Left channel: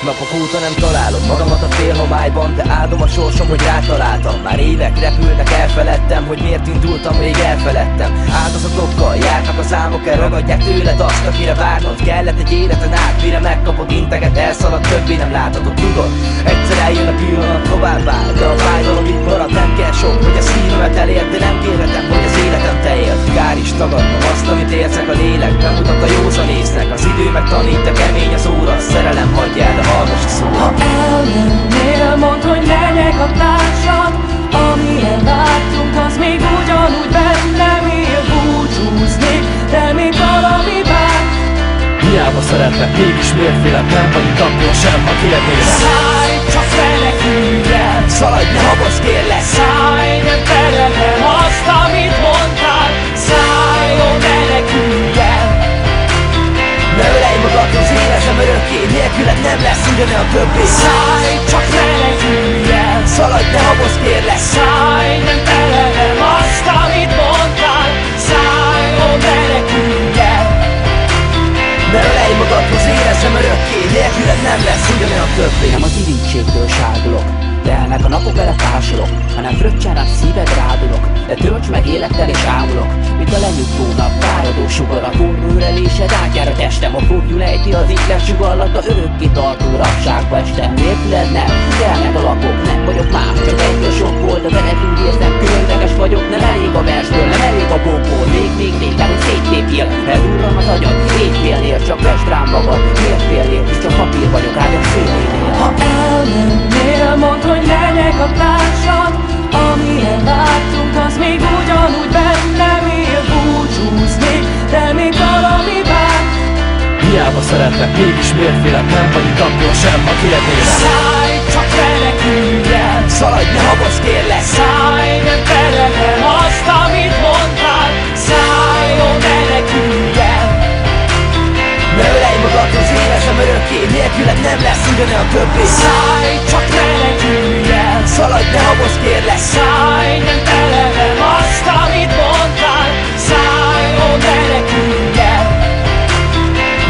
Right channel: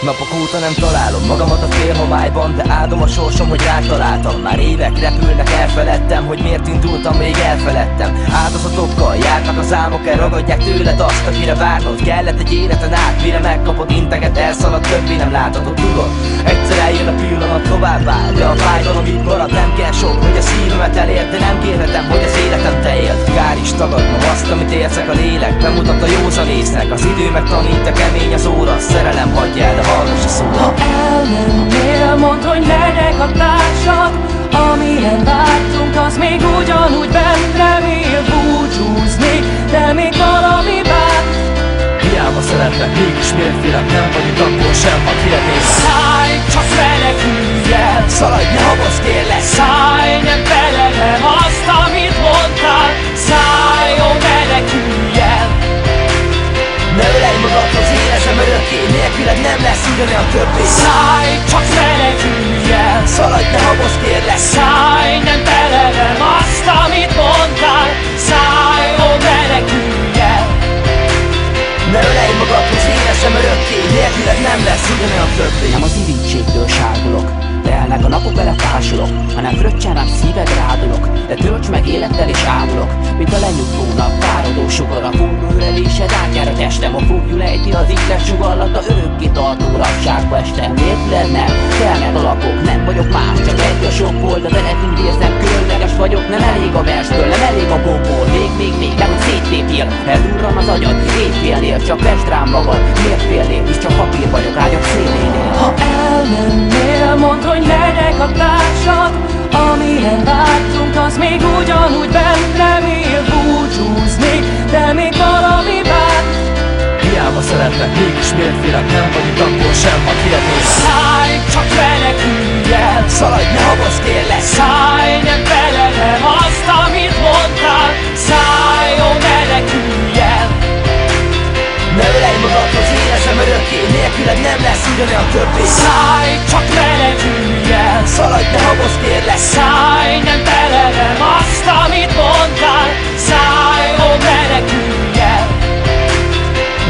Napok óta nem találom magamat a félhomályban, de áldom a sorsom, hogy rátaláltam. Már évek repülnek, elfeledtem, hogy miért indultam, rég elfeledtem. Áldozatokkal jártak az álmok, elragadják tőled azt, akire várnod kellett egy életen át. Mire megkapod integet, elszalad, többé nem láthatod, tudod. Egyszer eljön a pillanat, továbbá, de a fájdalom itt marad. Nem kell sok, hogy a szívemet elér, de nem kérhetem, hogy az életem te éld. Kár is tagadnom azt, amit érzek, a lélek bemutat a józanésznek. Az idő megtanít, a kemény az óra, szerelem hagyjál, de hallgass a szóra. Ha elmennél, mondd, hogy legyek a társad. Amilyen vártunk, az még ugyanúgy bennem él. Búcsúzni, de még valami vár. Hiába szeretlek, mégis miért félek? Nem vagy itt akkor sem, ha kérnélek. Szállj, csak menekülj el. Szaladj, ne habozz, kérlek. Szállj, nem feledem azt, amit mondtál. Szállj, ó, menekülj el. Ne ölej magadhoz, érezem örökké, nélküled nem lesz ugyanolyan többé. Szállj, csak menekülj el. Szaladj, ne habozz, kérlek. Szállj, nem feledem azt, amit mondtál. Szállj, ó, menekülj el. Ne ölej magadhoz, érezem örökké, nélküled nem lesz ugyanolyan többé. Nem az irítségtől sárgulok, telnek a napok, vele fásulok, hanem fröccsen rám szíved rádulok. De tölts meg élettel és ámulok, mint a lenyugvó nap, fáradó sugar. A forró ölelésed átjár a testem, a foglyul ejti az ihlet sugallat, a örökké tartó rabságba estem. Nélküled nem, telnek a lapok, nem vagyok más, csak egy a sok volt. De veled úgy érzem, különleges vagyok, nem elég a versből, nem elég a bokból. Még, nehogy széttépjél, eldurran az agyad, éjfélnél, csak vesd rám magad. Miért félnél, hisz csak papír vagyok ágyak szélénél. Ha elmennél, mondd, hogy legyek a társad. Amilyen vártunk, az még ugyanúgy bennem él. Búcsúzni, de még valami vár. Hiába szeretlek, mégis miért félek? Nem vagy itt akkor sem, ha kérnélek. Szállj, csak menekülj el. Szaladj, ne habozz, kérlek. Szállj, nem feledem azt, amit mondtál. Szállj, ó, menekülj el. Ne ölej magadhoz, érezem örökké, nélküled nem lesz ugyanolyan többé. Szállj, csak menekülj el. Szaladj, ne habozz, kérlek. Szállj, nem feledem azt, amit mondtál. Szállj, ó, menekülj el.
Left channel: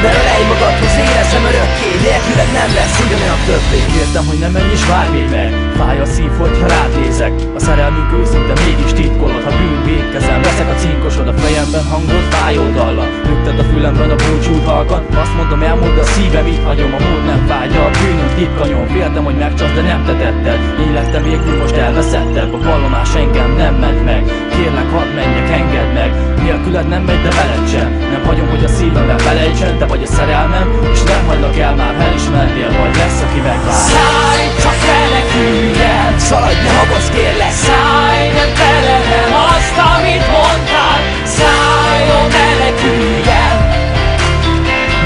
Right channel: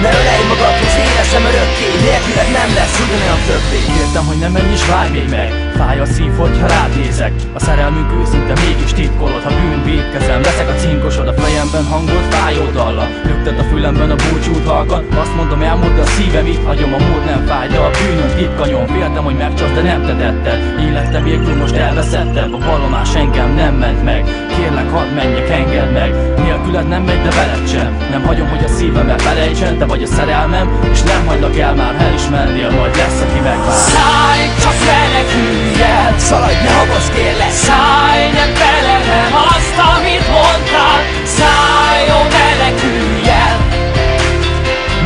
Ne ölej magadhoz, érezem örökké, nélküled nem lesz ugyanolyan többé. Kértem, hogy ne menj és várj még meg, fáj a szív, hogyha rád nézek. A szerelmünk őszinte, mégis titkolod. Ha bűn vétkezem, leszek a cinkosod. A fejemben hangod, fájó dalla, lüktet a fülemben a búcsút halkan. Azt mondom, elmúlt, de a szívem itt hagyom. A múlt nem fáj, de a bűnöm titkanyom. Féltem, hogy megcsalsz, de nem te tetted. Én lettem végül, most elveszettebb. A vallomás engem nem ment meg. Kérlek, hadd menjek, engedd meg. Nélküled nem megy, de veled sem. Nem hagyom, hogy a szívemmel felejtsen. Te vagy a szerelmem, és nem hagylak el már. El is mennél, majd lesz, aki megvár. Szállj, csak menekülj el. Szaladj, ne habozz, kérlek. Szállj, nem feledem azt, amit mondtál. Szállj, ó, menekülj el.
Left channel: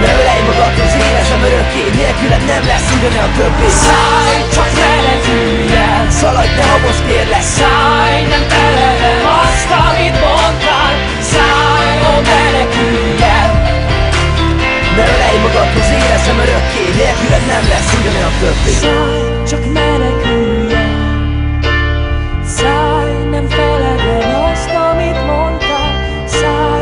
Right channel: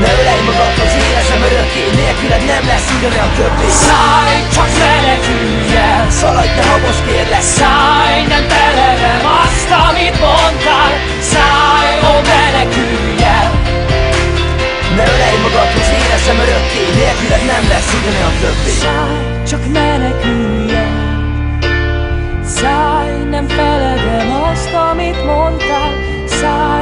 Ne ölej magadhoz, érezem örökké, nélküled nem lesz ugyanolyan többé. Szállj, csak menekülj el. Szaladj, ne habozz, kérlek. Szállj, nem feledem azt, amit mondtál. Szállj, ó, menekülj el. Ne ölej magadhoz, érezem örökké, nélküled nem lesz ugyanolyan többé. Szállj, csak menekülj el. Szállj, nem feledem azt, amit mondtál. Szállj,